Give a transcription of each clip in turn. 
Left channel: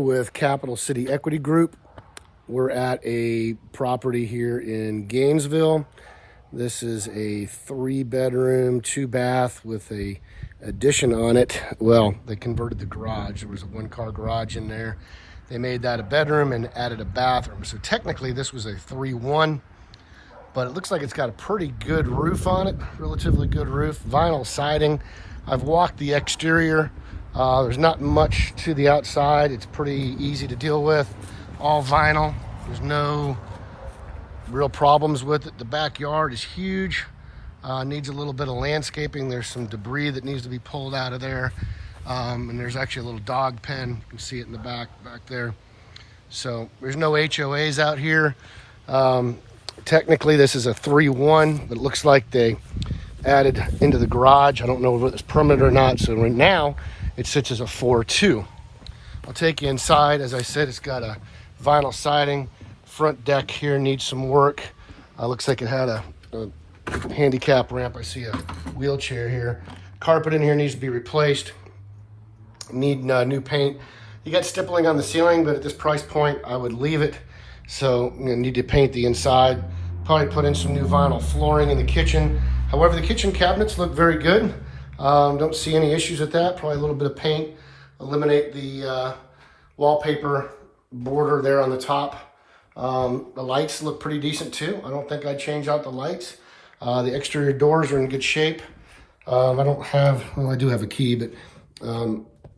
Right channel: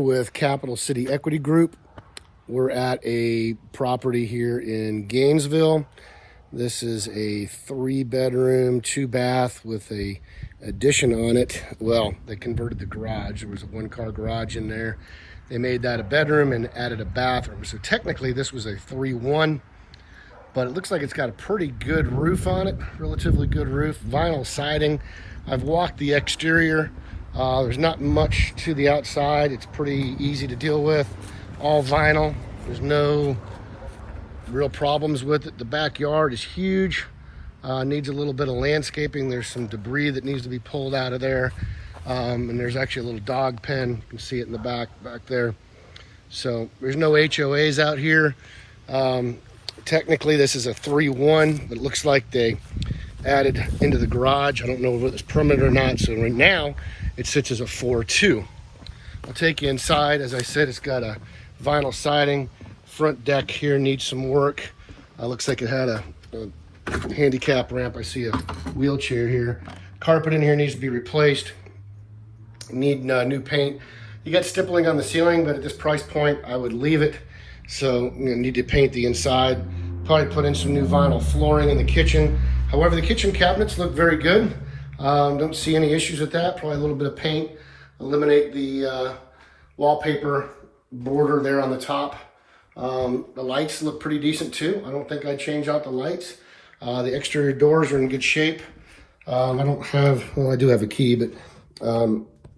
With Capital City Equity Group. We're at a property here in Gainesville. This is a 3-bedroom, 2-bath with a addition on it. Well, they converted the garage. There was a 1-car garage in there. They made that a bedroom and added a bathroom. So technically this was a 3-1, but it looks like it's got a pretty good roof on it, relatively good roof, vinyl siding. I've walked the exterior. There's not much to the outside. It's pretty easy to deal with. All vinyl. There's no real problems with it. The backyard is huge. Needs a little bit of landscaping. There's some debris that needs to be pulled out of there. And there's actually a little dog pen. You can see it in the back there. So there's no HOAs out here. Technically this is a 3-1, but it looks like they added into the garage. I don't know if it's permanent or not. So right now it sits as a 4-2. I'll take you inside. As I said, it's got a vinyl siding. Front deck here needs some work. Looks like it had a handicap ramp. I see a wheelchair here. Carpet in here needs to be replaced. Need new paint. You got stippling on the ceiling, but at this price point, I would leave it. So you need to paint the inside. Probably put in some new vinyl flooring in the kitchen. However, the kitchen cabinets look very good. Don't see any issues with that. Probably a little bit of paint. Eliminate the wallpaper border there on the top. The lights look pretty decent too. I don't think I'd change out the lights. The exterior doors are in good shape. I don't have, well, I do have a key, but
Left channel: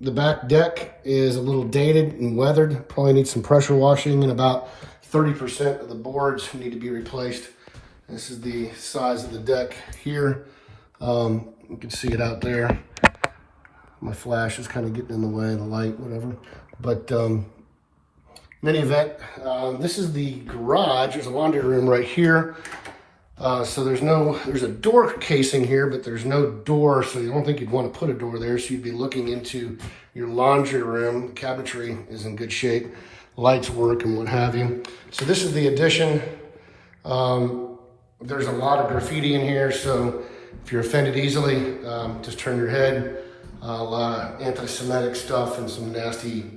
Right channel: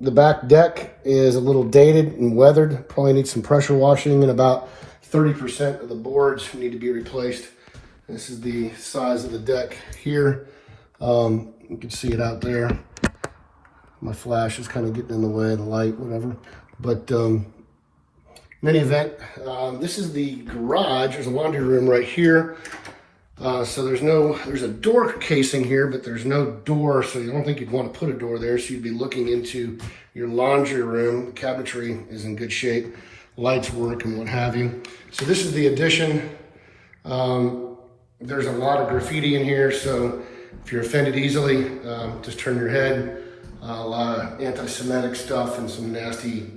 the back deck is a little dated and weathered. Probably needs some pressure washing, and about 30% of the boards need to be replaced. This is the size of the deck here. You can see it out there. My flash is kind of getting in the way of the light, whatever. But in any event, this is the garage. There's a laundry room right here. So there's a door casing here, but there's no door. So I don't think you'd want to put a door there. So you'd be looking into your laundry room. The cabinetry is in good shape. Lights work and what have you. So this is the addition. There's a lot of graffiti in here. So if you're offended easily, just turn your head. A lot of anti-Semitic stuff and some nasty,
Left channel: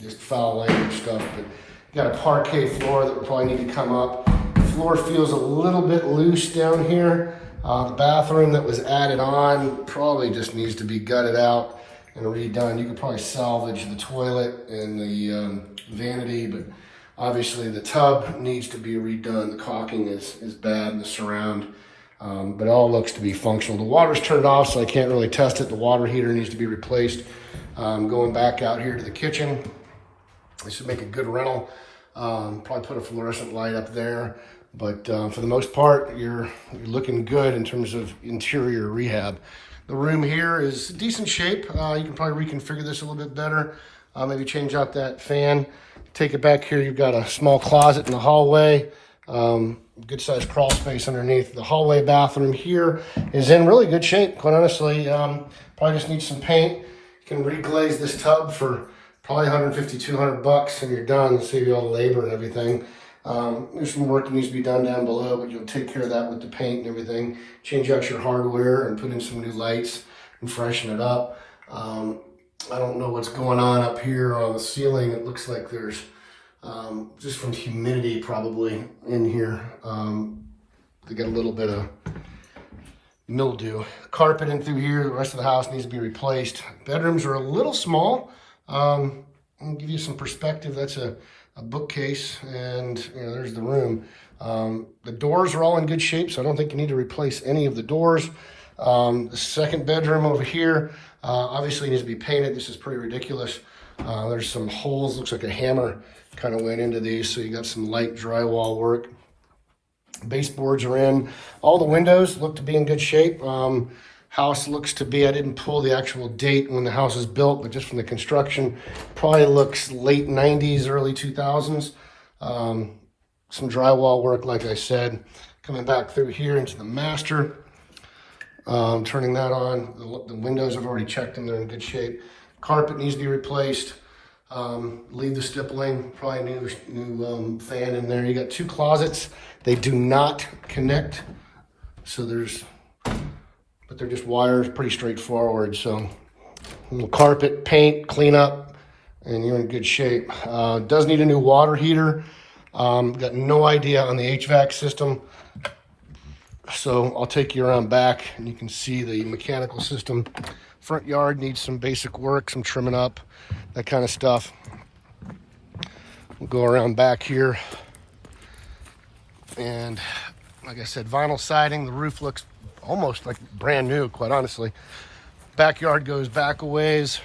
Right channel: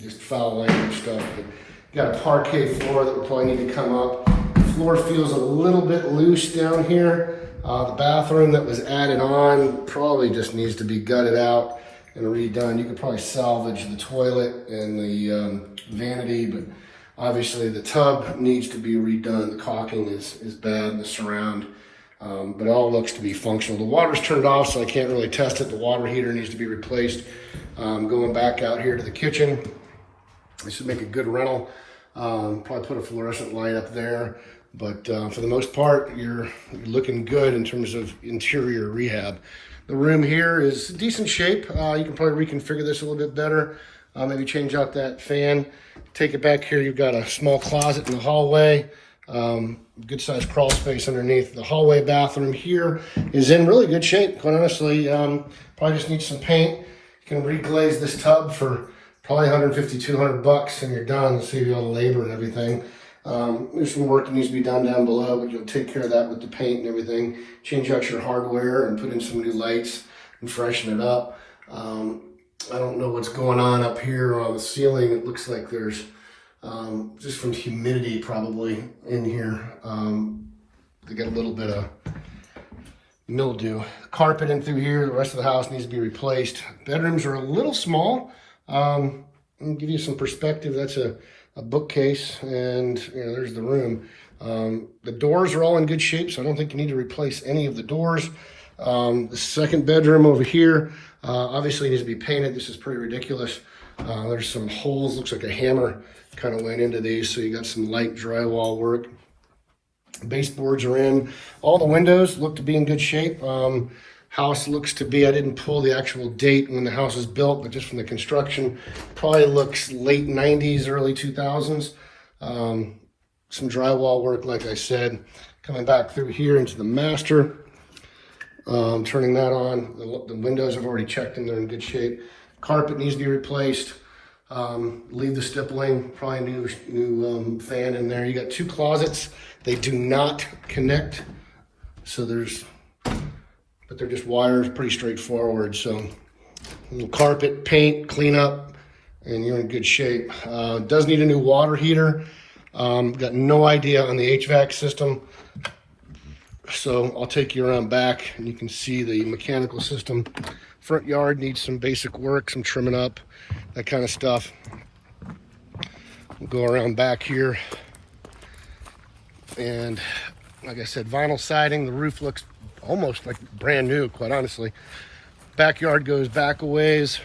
just foul language stuff. But you got a parquet floor that will probably need to come up. The floor feels a little bit loose down here. The bathroom that was added on probably just needs to be gutted out and redone. You could probably salvage the toilet and the vanity, but obviously the tub needs to be redone. The caulking is bad, the surround. But it all looks to be functional. The water's turned off, so I can't really test it. The water heater needs to be replaced. Going back out here to the kitchen, this would make a good rental. Probably put a fluorescent light up there. But for the most part, you're looking good in terms of interior rehab. The room here is decent shape. You can probably reconfigure this a little bit better. Maybe change out that fan. Take it back here. You've got a small closet in the hallway. Good sized crawl space underneath. The hallway bathroom here is in really good shape, quite honestly. Probably just needs some paint. You can reglaze this tub for probably 150, 200 bucks and you're done. Save you all the labor and everything. There's some work that needs to be done down below, but you'll take care of that with the paint and everything. Change out your hardware and put in some new lights and freshen it up. I don't know what's going on up here on the ceiling. It looks like there's just from humidity probably in here. They got a little bit of mildew. Carpet in through here. The rest of the house needs to be replaced. Bedrooms are a little small. I'll give you some perspective. That's a bookcase, and there's the room. The doors are all in good shape, so I don't think you need to replace any of the doors. The second bedroom over here obviously needs to be painted. This is pretty ridiculous. There's some holes. Looks like a hammer kind of went into these, so you got some light drywall work. Baseboards are in. All the windows look to be in good shape. House looks to be, I didn't pull the actual date when the house was built, but just from the construction, probably looks late 90s, early 2000s. Some drywall work, like I said. Coming back through here into the master. Turning that on. The windows I've already checked and they're in good shape. Carpet needs to be replaced. Leave the stippling, probably a new fan in there. You got 2 closets. They do not connect. So but they're just wires, pretty straightforward. So a little carpet, paint, clean up, and you're in good shape. Does need a new water heater. Got no idea on the HVAC system. So I'll take you around back and you can see the mechanical system. Front yard needs some basic work, some trimming up, that kind of stuff. We'll go around back here. And like I said, vinyl siding. The roof looks almost like brand new, quite honestly. Backyard goes back a ways,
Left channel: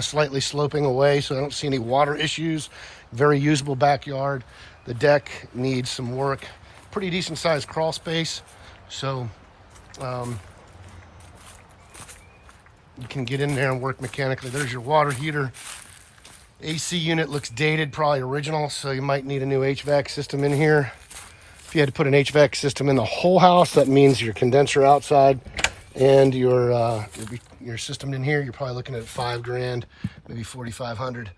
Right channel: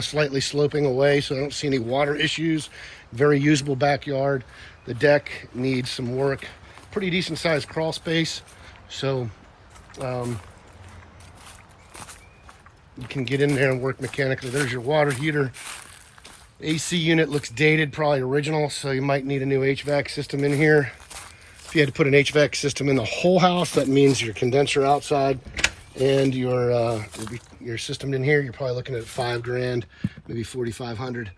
slightly sloping away, so I don't see any water issues. Very usable backyard. The deck needs some work. Pretty decent sized crawl space. So you can get in there and work mechanically. There's your water heater. AC unit looks dated, probably original, so you might need a new HVAC system in here. If you had to put an HVAC system in the whole house, that means your condenser outside and your system in here, you're probably looking at $5,000, maybe $4,500.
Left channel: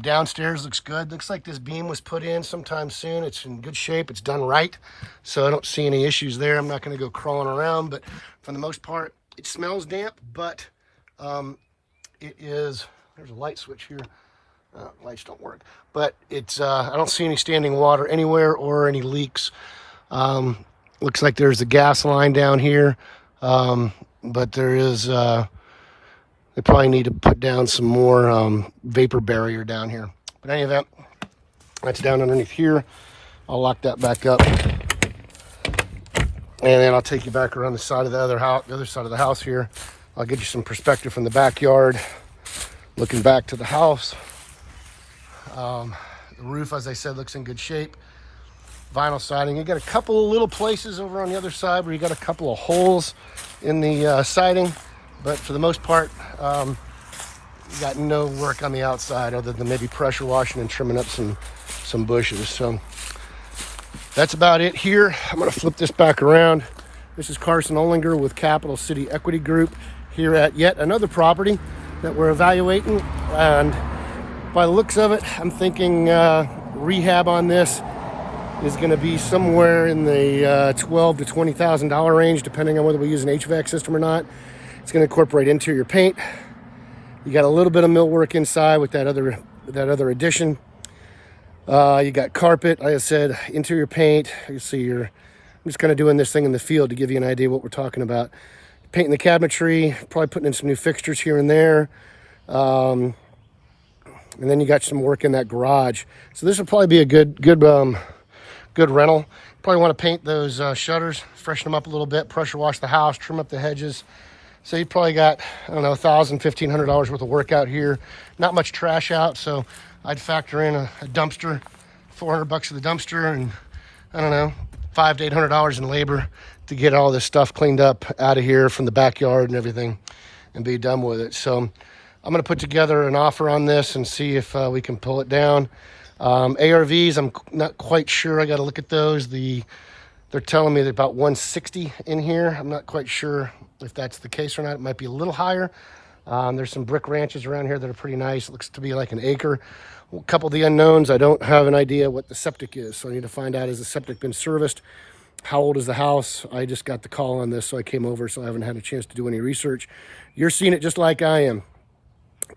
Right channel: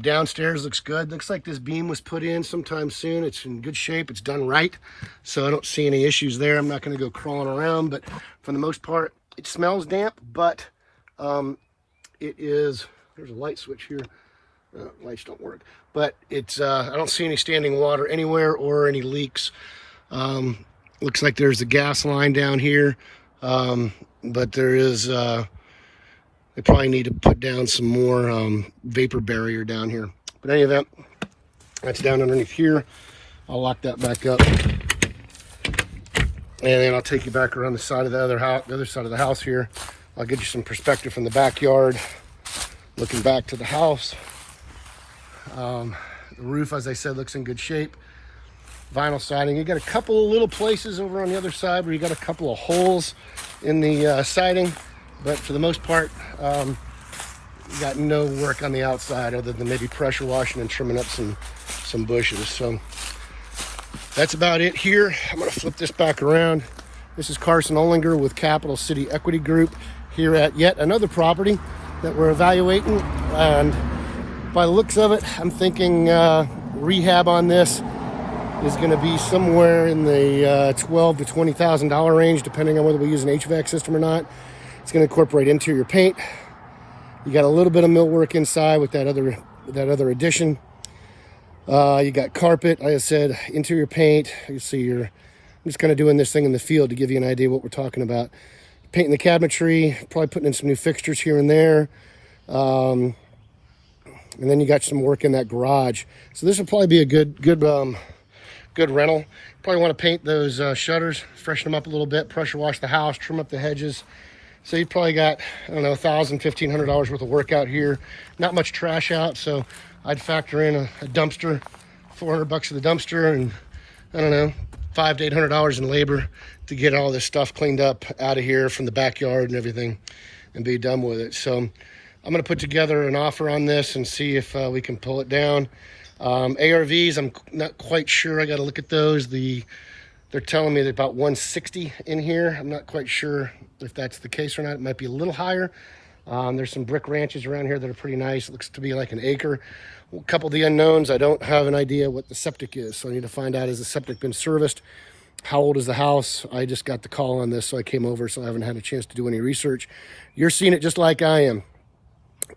Downstairs looks good. Looks like this beam was put in sometime soon. It's in good shape. It's done right. So I don't see any issues there. I'm not going to go crawling around, but for the most part, it smells damp, but it is, there's a light switch here. Lights don't work, but it's, I don't see any standing water anywhere or any leaks. Looks like there's a gas line down here, but there is, they probably need to put down some more vapor barrier down here. But in any event, that's down underneath here. I'll lock that back up. And then I'll take you back around the side of the other house, the other side of the house here. I'll give you some perspective from the backyard, looking back to the house. The roof, as I said, looks in good shape. Vinyl siding. You got a couple of little places over on the other side where you got a couple of holes in the siding. But for the most part, you got no work on the outside other than maybe pressure washing and trimming up some bushes. So that's about it here. I'm going to flip this back around. This is Carson Olinger with Capital City Equity Group here at yet another property that we're evaluating. And by the looks of it, I'm thinking rehab on this is going to be somewhere in the $12,000 to $20,000 range, depending on whether we use an HVAC system or not. It's going to incorporate interior paint. You got a little bit of millwork inside with that other addition. You got carpet, like I said, interior paint. You see, I'm just kind of doing this thing in the field to give you an idea what we're talking about. Painting the cabinetry, probably putting in some new fixtures here and there. And then you got some work in that garage. So this will probably be a good rental. Probably want to paint those shutters, freshen them up a little bit, pressure wash the house, trim up the hedges. So you probably got, I don't know, $1,000, $1,500 worth of work out here. Not much trash out, so I'd factor in a dumpster, $400 for the dumpster, and I don't know, $500 to $800 in labor to get all this stuff cleaned up out of here from the backyard and everything, and be done with it. So I'm going to put together an offer on this and see if we can pull it down. ARVs, I'm not quite sure. I got to look at those. They're telling me that about 160 in here. I'm not quite sure if that's the case or not. It might be a little higher. There's some brick ranches around here that are pretty nice. It looks to be like an acre. A couple of the unknowns, I don't have an idea what the septic is. So I need to find out, has the septic been serviced? How old is the house? I just got the call on this, so I came over, so I haven't had a chance to do any research. You're seeing it just like I am.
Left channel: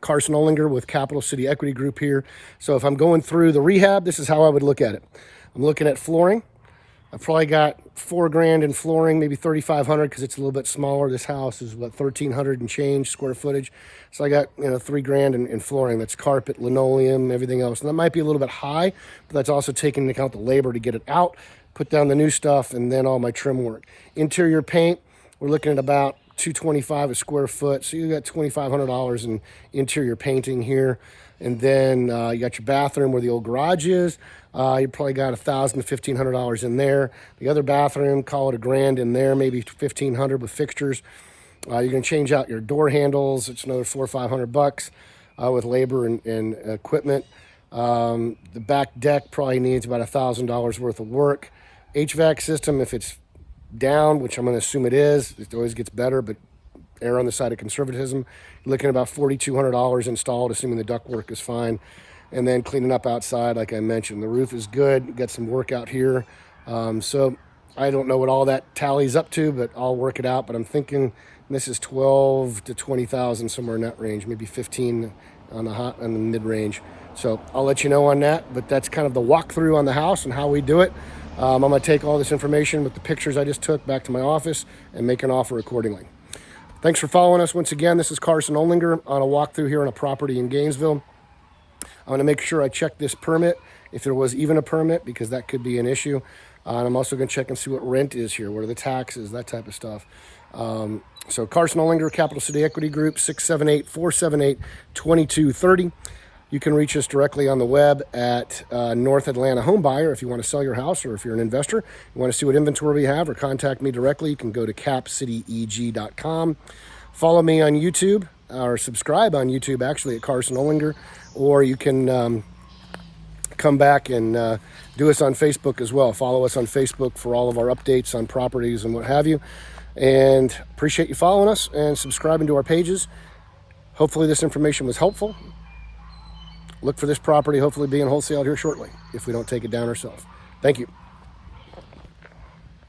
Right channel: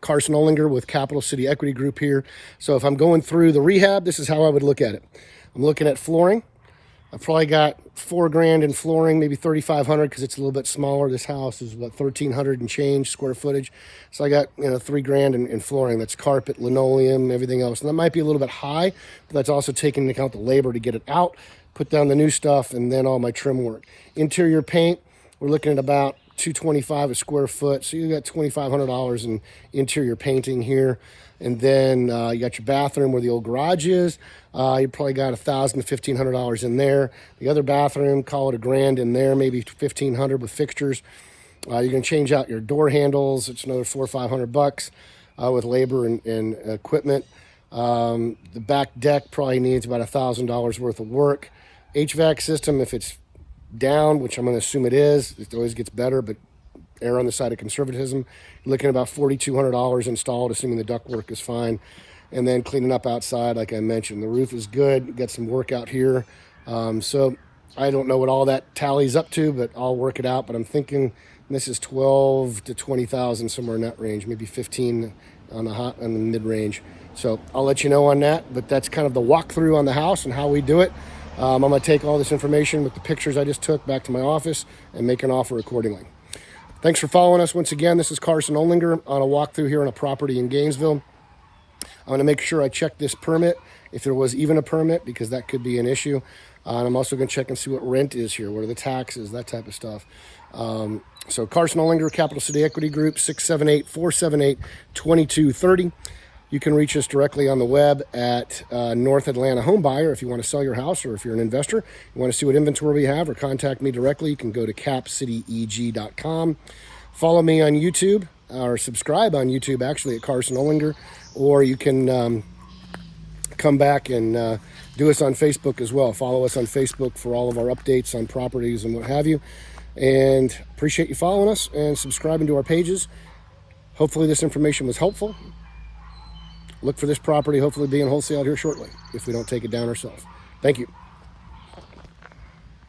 Carson Olinger with Capital City Equity Group here. So if I'm going through the rehab, this is how I would look at it. I'm looking at flooring. I've probably got $4,000 in flooring, maybe $3,500 because it's a little bit smaller. This house is what, 1,300 and change square footage. So I got, $3,000 in flooring. That's carpet, linoleum, everything else. And that might be a little bit high, but that's also taking into account the labor to get it out, put down the new stuff, and then all my trim work. Interior paint, we're looking at about $225 a square foot. So you got $2,500 in interior painting here. And then you got your bathroom where the old garage is. You probably got $1,000 to $1,500 in there. The other bathroom, call it $1,000 in there, maybe $1,500 with fixtures. You're going to change out your door handles. It's another $400 or $500 with labor and equipment. The back deck probably needs about $1,000 worth of work. HVAC system, if it's down, which I'm going to assume it is, it always gets better, but err on the side of conservatism. You're looking at about $4,200 installed, assuming the ductwork is fine. And then cleaning up outside, like I mentioned. The roof is good. You got some work out here. So I don't know what all that tallies up to, but I'll work it out. But I'm thinking this is $12,000 to $20,000, somewhere in that range, maybe $15,000 on the mid-range. So I'll let you know on that, but that's kind of the walkthrough on the house and how we do it. I'm going to take all this information with the pictures I just took back to my office and make an offer accordingly. Thanks for following us once again. This is Carson Olinger on a walkthrough here on a property in Gainesville. I'm going to make sure I check this permit, if there was even a permit, because that could be an issue. And I'm also going to check and see what rent is here, what are the taxes, that type of stuff. So Carson Olinger, Capital City Equity Group, 678-478-2230. You can reach us directly on the web at North Atlanta Home Buyer if you want to sell your house, or if you're an investor, you want to see what inventory we have, or contact me directly, you can go to capcityeg.com. Follow me on YouTube, or subscribe on YouTube actually at Carson Olinger, or you can come back and do us on Facebook as well. Follow us on Facebook for all of our updates on properties and what have you. And appreciate you following us and subscribing to our pages. Hopefully this information was helpful. Look for this property hopefully being wholesaled here shortly if we don't take it down ourselves. Thank you.